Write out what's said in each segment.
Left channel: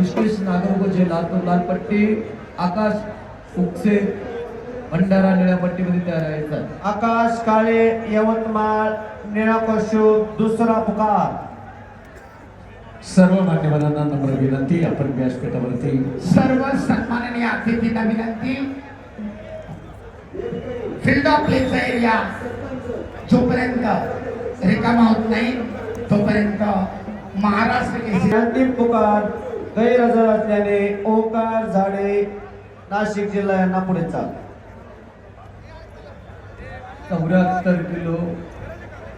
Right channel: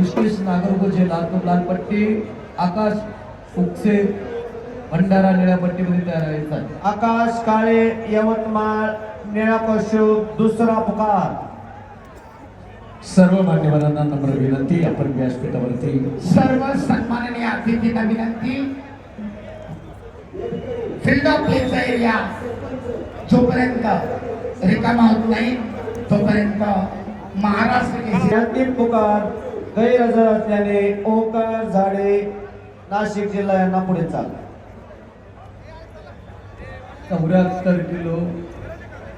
ऋषिकेश नागरगोजे लातूर लाल पट्टी, आकाश फुकसे भंडारा निळ्या पट्टीमध्ये तयार आहे. आकाश काळे यवतमाळ निळा कौशुक दुसरा पुकार. सर्व मान्यवरांना नम्र विनंती, आपण व्यासपीठावरती सर्व सन्माननीय अतिथींना विनंती, फील्ड ऑफ प्लेचा एरिया जोपर्यंत रिकामा होत नाही तोपर्यंत महाराष्ट्र केसरी अंतिम पुकार गैरहजर असल्याने ओंकार झाडे नाशिक जिल्हा यांना पुढे चाल. 74 किलो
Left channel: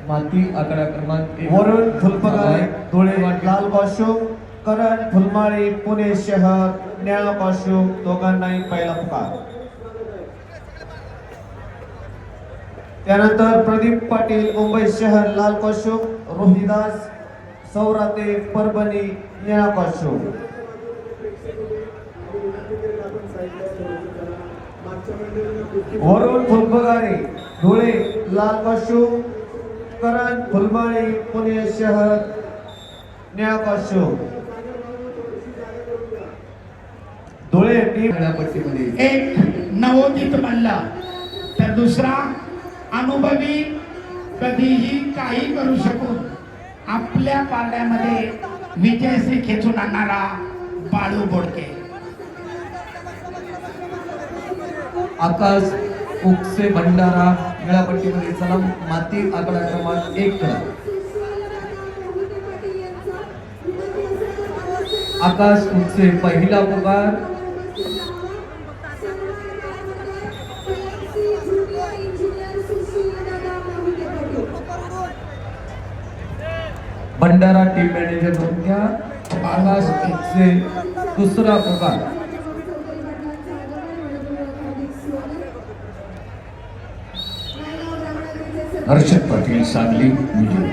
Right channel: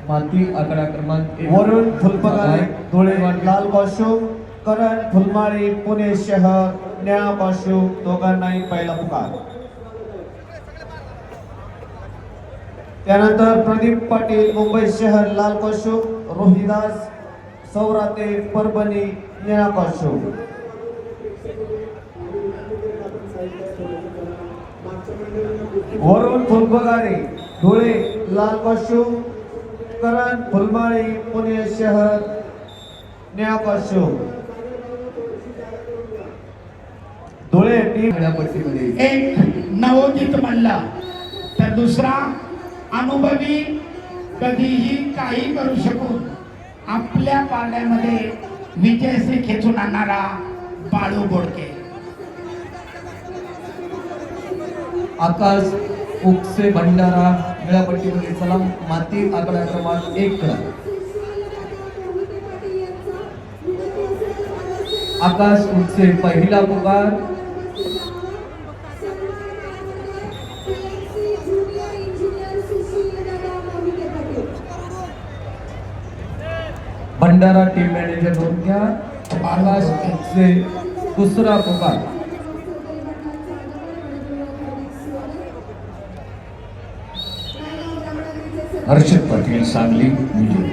माती आकडा क्रमांक 1 वरुण फुलपगारे धुळे लाल कौशुक, करण फुलमाळी पुणे शहर निळा कौशुक दोघांनाही पहिला पुकार. त्यानंतर प्रदीप पाटील मुंबई शहर लाल कौशुक, रोहिदास सौराते परभणी निळा कौशुक. वरुण फुलपगारे धुळे लाल कौशुक, करण फुलमाळी पुणे शहर निळा कौशुक. धुळे टीम निळ्या पट्टीमध्ये एक नवोदित म्हणला तर दुसरा अनुभवी, कधीही काही करू शकून आपल्या पारड्यामध्ये विजयश्री खेचून आणणारा बाळू बोडके. आकाश फुकसे भंडारा निळ्या पट्टीमध्ये चला माती आकडा क्रमांक 1. आकाश फुकसे पहिला पुकार. भंडारा टीम मॅनेजर म्हणून घ्या. आकाश फुकसे दुसरा पुकार. हर्षद पाटील सांगली विजय.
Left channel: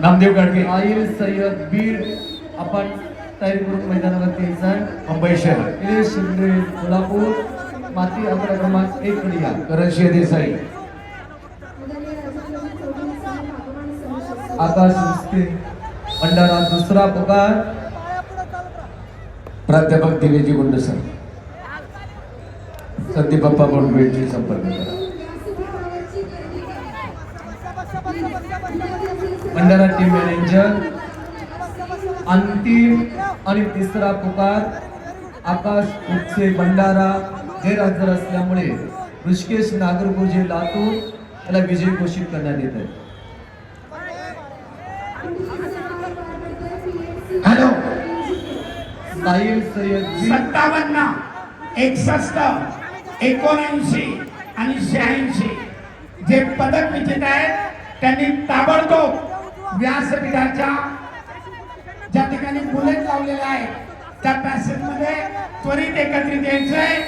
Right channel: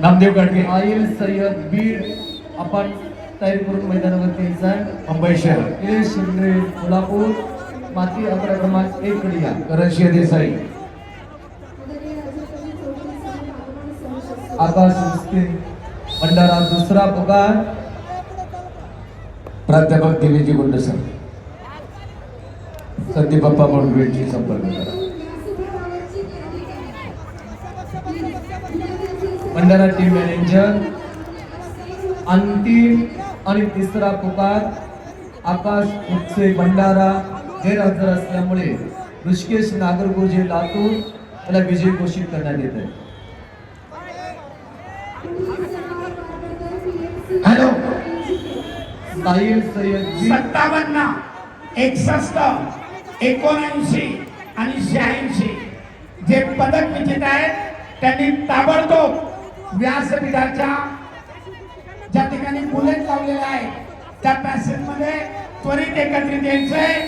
नामदेव गाडगे आईल सय्यद बीड आपण तयारी करून मैदानावरती यायचं. मुंबई शहर. निलेश शिंदे कोल्हापूर माती आकडा क्रमांक 1 कडे या. करंशिया देसाई. आकाश फुकसे भंडारा दुसरा पुकार. प्राध्यापक दिनेजी गुंडसर. संदीप बाप्पा म्हणून संपर्क करा. भंडारा टीम मॅनेजर अंतिम आणि तिसरा पुकार. आकाश फुकसे भंडारा गैरहजर असल्यामुळे ऋषिकेश नागरगोजे लातूर याला विजयी घोषित करण्यात येत आहे. हॅलो, साहिल सय्यद बीड 57, 61, 79 आणि 86 जे पदक विजेते आहेत त्यांनी ताबडतोब व्यासपीठाच्या ज्या ठिकाणी बुलेट लावलेले आहेत त्या पॅसेज मध्ये त्वरित एकत्रित यायचंय.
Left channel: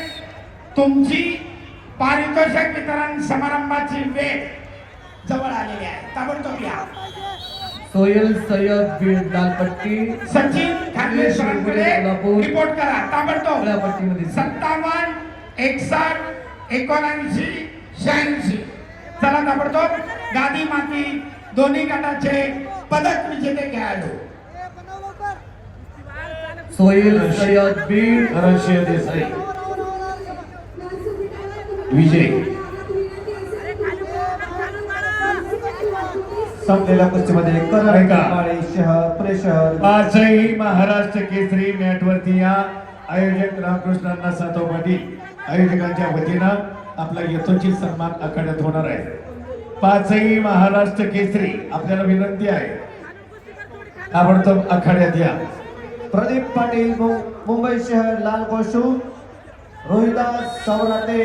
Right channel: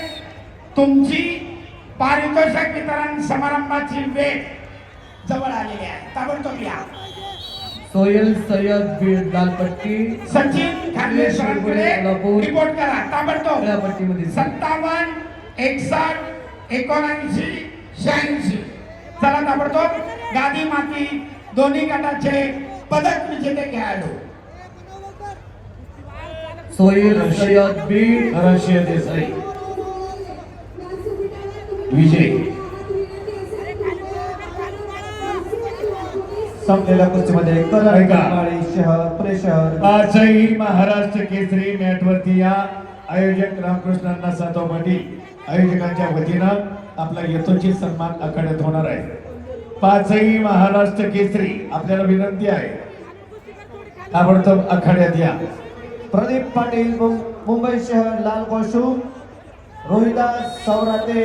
तुमची पारितोषिक वितरण समारंभाची वेळ जवळ आलेली आहे. ताबडतोब या. सोहेल सय्यद बीड लालपट्टी. सचिन खांदे सरांकडे कोल्हापूर रिपोर्ट करा ताबडतोब. निळ्या पट्टीमध्ये 57, 61, 79, 86 चला ताबडतोब. गादी माती दोन्ही गटाचे पदक विजेते खेळाडू. सोहेल सय्यद बीड करंशिया देसाई विजय. संपलेल्या कुस्तीमध्ये करण ऐका. फुलमाळी शहर पुणे शहर पाचही महाराष्ट्र केसरी मॅटवरती या. आयोजक रामकृष्णांना सातव पाटील आयोजकांच्या वतीनं आपला यथोचित सन्मान आखाड्यात होणार आहे. पाचही महाराष्ट्र केसरी आपल्याला विनंती आहे, ताबडतोब आखाड्यात या. प्रदीप पाटील मुंबई शहर लाल कौशुक, रोहिदास सौराते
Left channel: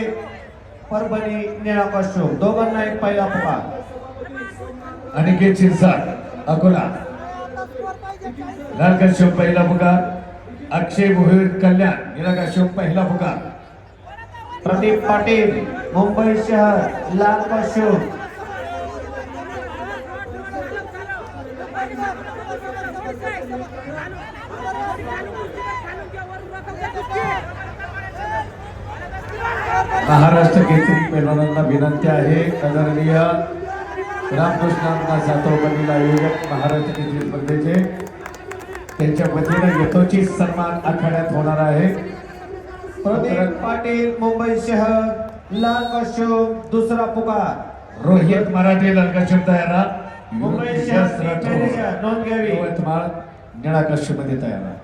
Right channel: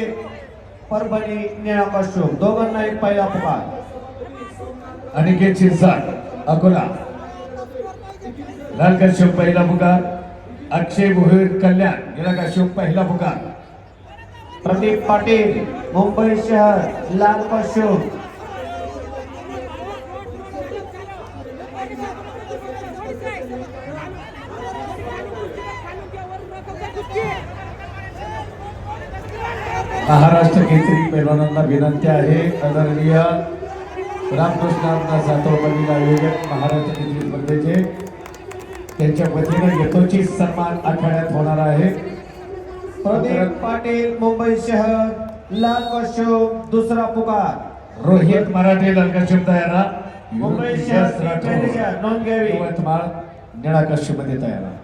परभणी निळा कौशुक दोघांनाही पहिला पुकार. अनिकेत शिरसाट अकोला लाल कश्यप पहिला पुकार. अक्षय भोईर कल्याण निळा कश्यप पहिला पुकार. प्रदीप पाटील मुंबई शहर लाल कौशुक, महाराष्ट्र केसरी पैलवानांना विनंती आहे, आदरणीय रामकृष्णांना सातव पाटील आयोजक महाराष्ट्र केसरी स्पर्धेचे त्यांच्या वतीनं यथोचित सन्मान आखाड्यात होणार आहे. प्रदीप पाटील मुंबई शहर लाल कॉस्ट्यूम दुसरा पुकार रोहित मराठे लंकाशुम तयारा मुंबई शहर मॅनेजर नोंद घ्यावी. यवतमाळ निळा कष्टमध्ये तयार आहे.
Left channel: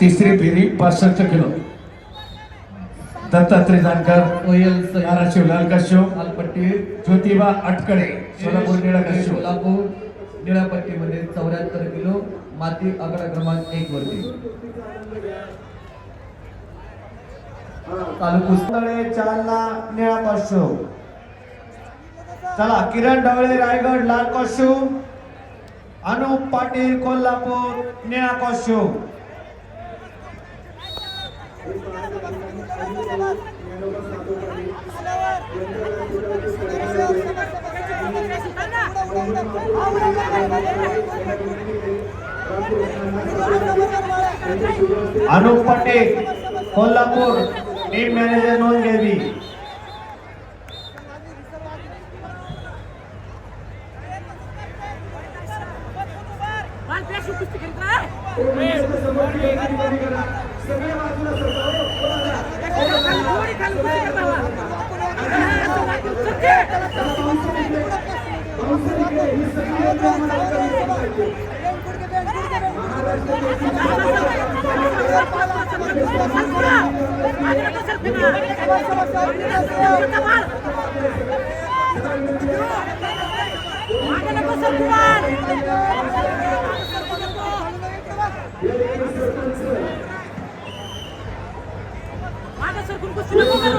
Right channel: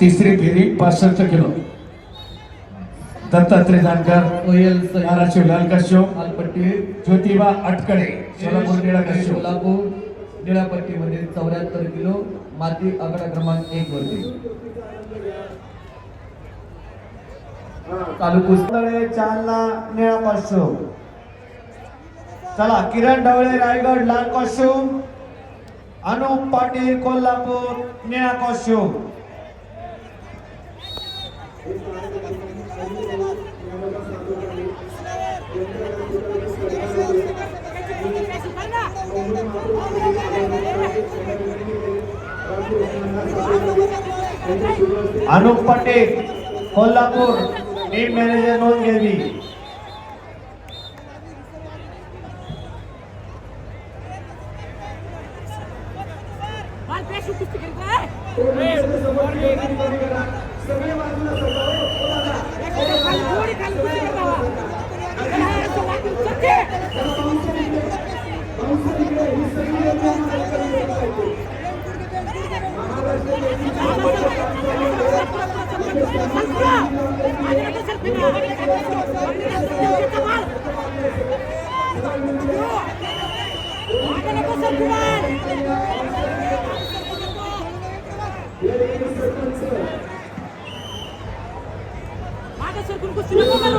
तिसरी फेरी 65 किलो. दत्तात्रय जानकर कोयल धाराशिव लाल कष्टम, लालपट्टी ज्योतिबा अटकडे सोलापूर निळा कष्टम. सोलापूर निळापट्टीमध्ये 74 किलो माती आकडा क्रमांक 1 वरती चालू कुस्ती ढवळे जालना निळा कॉस्ट्यूम. चला किरण ढवळे रायगड लाल कॉस्ट्यूम, अनुप पाटील कोल्हापूर निळा costume. Anup Patil Kolhapur team manager नोंद घ्यावी.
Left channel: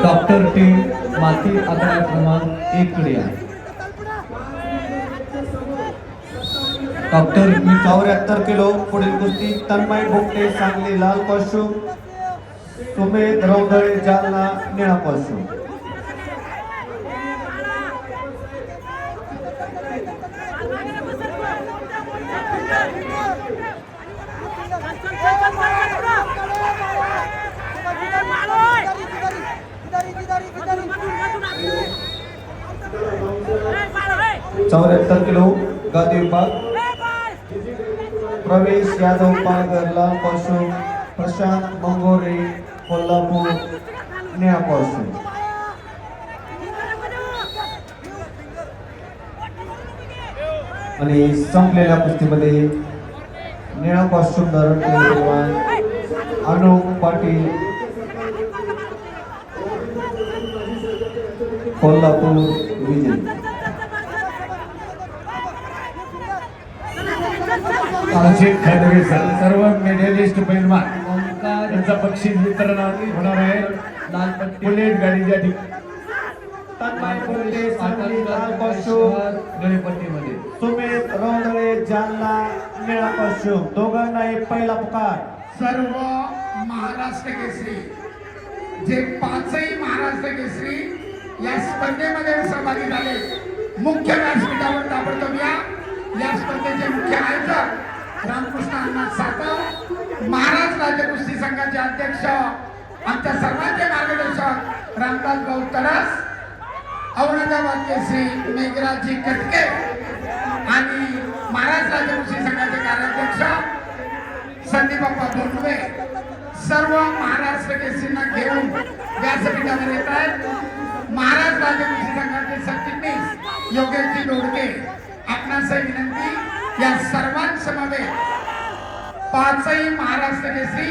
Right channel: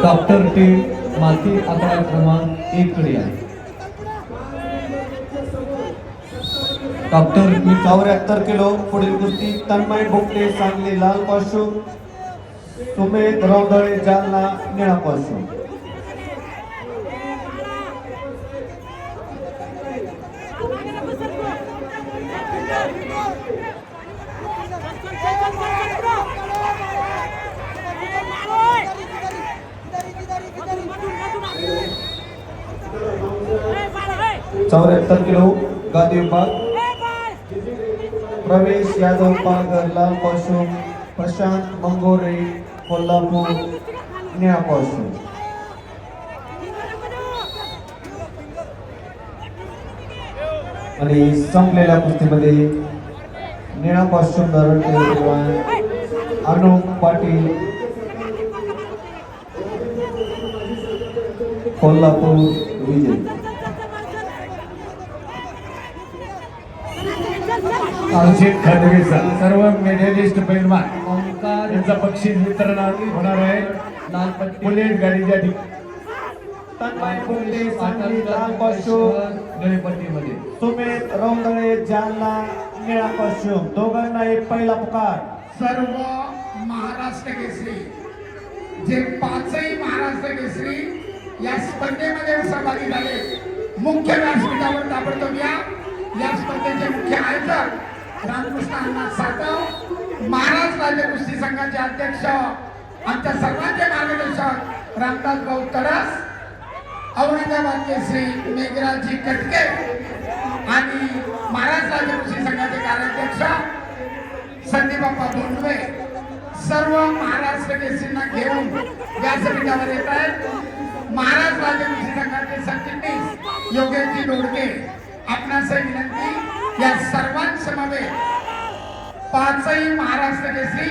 डॉक्टर टीम माती आकडा क्रमांक 1 कडे आहे. डॉक्टर 74 किलो पुढील कुस्ती तन्मय भोगटे सांगली लाल कॉस्ट्यूम, सुमेध रौदळे जालना निळा कॉस्ट्यूम. चौऱ्याहत्तर किलो गादी विभाग प्रवेश यादव पायगर लाल कॉस्ट्यूम, प्रशांत मंगोरे कोल्हापूर निळा कॉस्ट्यूम. आणि संपलेल्या कुस्तीमध्ये निळा कॉस्ट्यूम धारण केलेला अनुप पाटील कोल्हापूर विजय. अजित खडवे सर्व मेडलिस्ट पैलवान ओंकार यांचा बक्षीस वितरण होणार आहे. लालपट्टी बुलेट गाडीच्या ठिकाणी तन्मय भोगटे सांगली लाल कॉस्ट्यूम, निळपट्टीमध्ये सुमेध रौदळे जालना निळा कॉस्ट्यूम. दोघांनाही पहिला पुकार. सर्व महाराष्ट्र केसरी जे पाचही महाराष्ट्र केसरी या स्पर्धेमध्ये सहभागी झाले मुख्य व्यासपीठावर ताबडतोब या स्पर्धेचे मुख्य आयोजक रामकृष्ण अण्णा सातव, महाराज राज्य कुस्ती संघाचे अध्यक्ष आमच्या सर्वांचे मार्गदर्शक रामदास भाऊ तरस, औरंगाबाद केसरी मेघराजी कटके आणि महाराज राज्य कुस्ती संघाचे कार्याध्यक्ष संदीप बाप्पा धोंडवे सर्व महाराष्ट्र केसरींना घेऊन व्यासपीठावर येत आहेत. महाराज राज्य कुस्ती संघाचे सरचिटणीस योगेशजी दोडके आपणास विनंती या सर्वांसमवेत पाचही महाराष्ट्र केसरी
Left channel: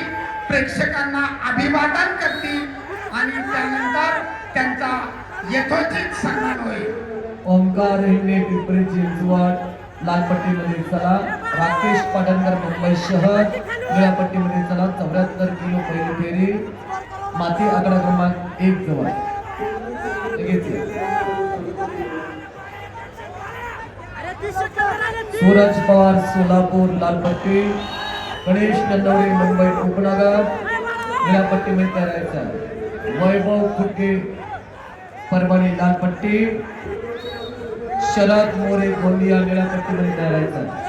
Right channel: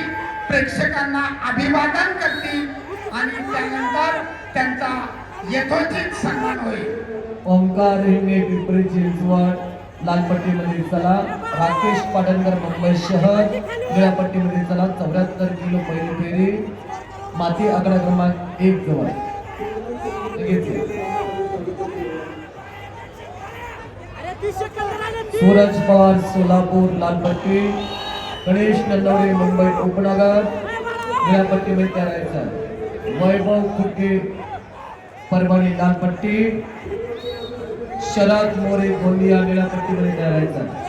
प्रेक्षकांना अभिवादन करतील आणि त्यानंतर त्यांचा यथोचित सन्मान होईल. ओंकार हिंगे पिंपरी चिंचवड लालपट्टीमध्ये चला. राकेश पाटणकर मुंबई शहर निळ्यापट्टीमध्ये चला. 74 किलो पहिली फेरी माती आकडा क्रमांक 1 जवळ लगेच. सूरज पवार सोलापूर लालपट्टी, गणेश नंदवडे मुंबई उपनगर निळ्यापट्टीमध्ये तयारायचा. वैभव खुटके परभणी लालपट्टी, शरद मोरे गोंदिया निळ्यापट्टीमध्ये तयारायचा.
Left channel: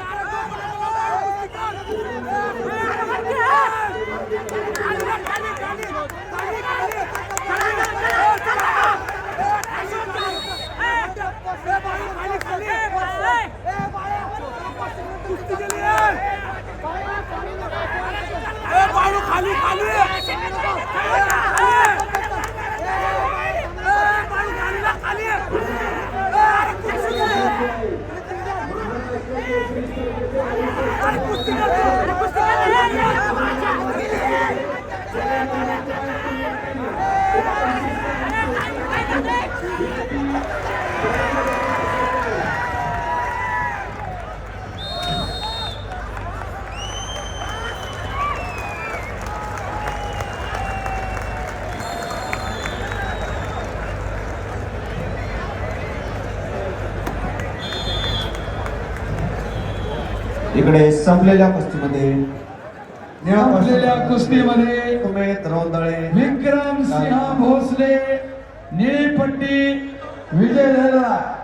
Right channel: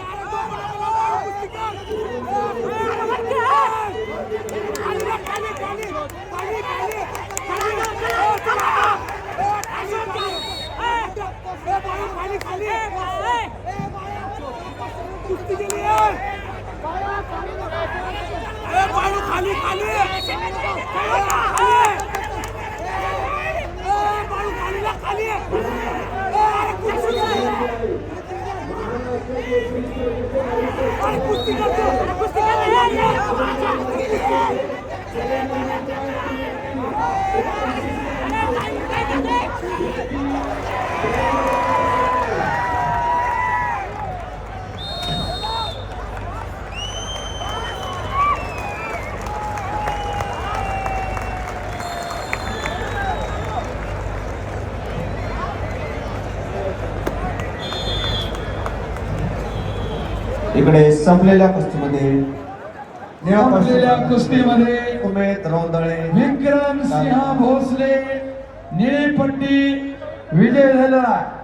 इकडे संपलेल्या कुस्तीमध्ये संपलेल्या कुस्तीमध्ये उमेद रोंदळे विक्रम सिंह भोसले निळी पट्टी विजय झाला.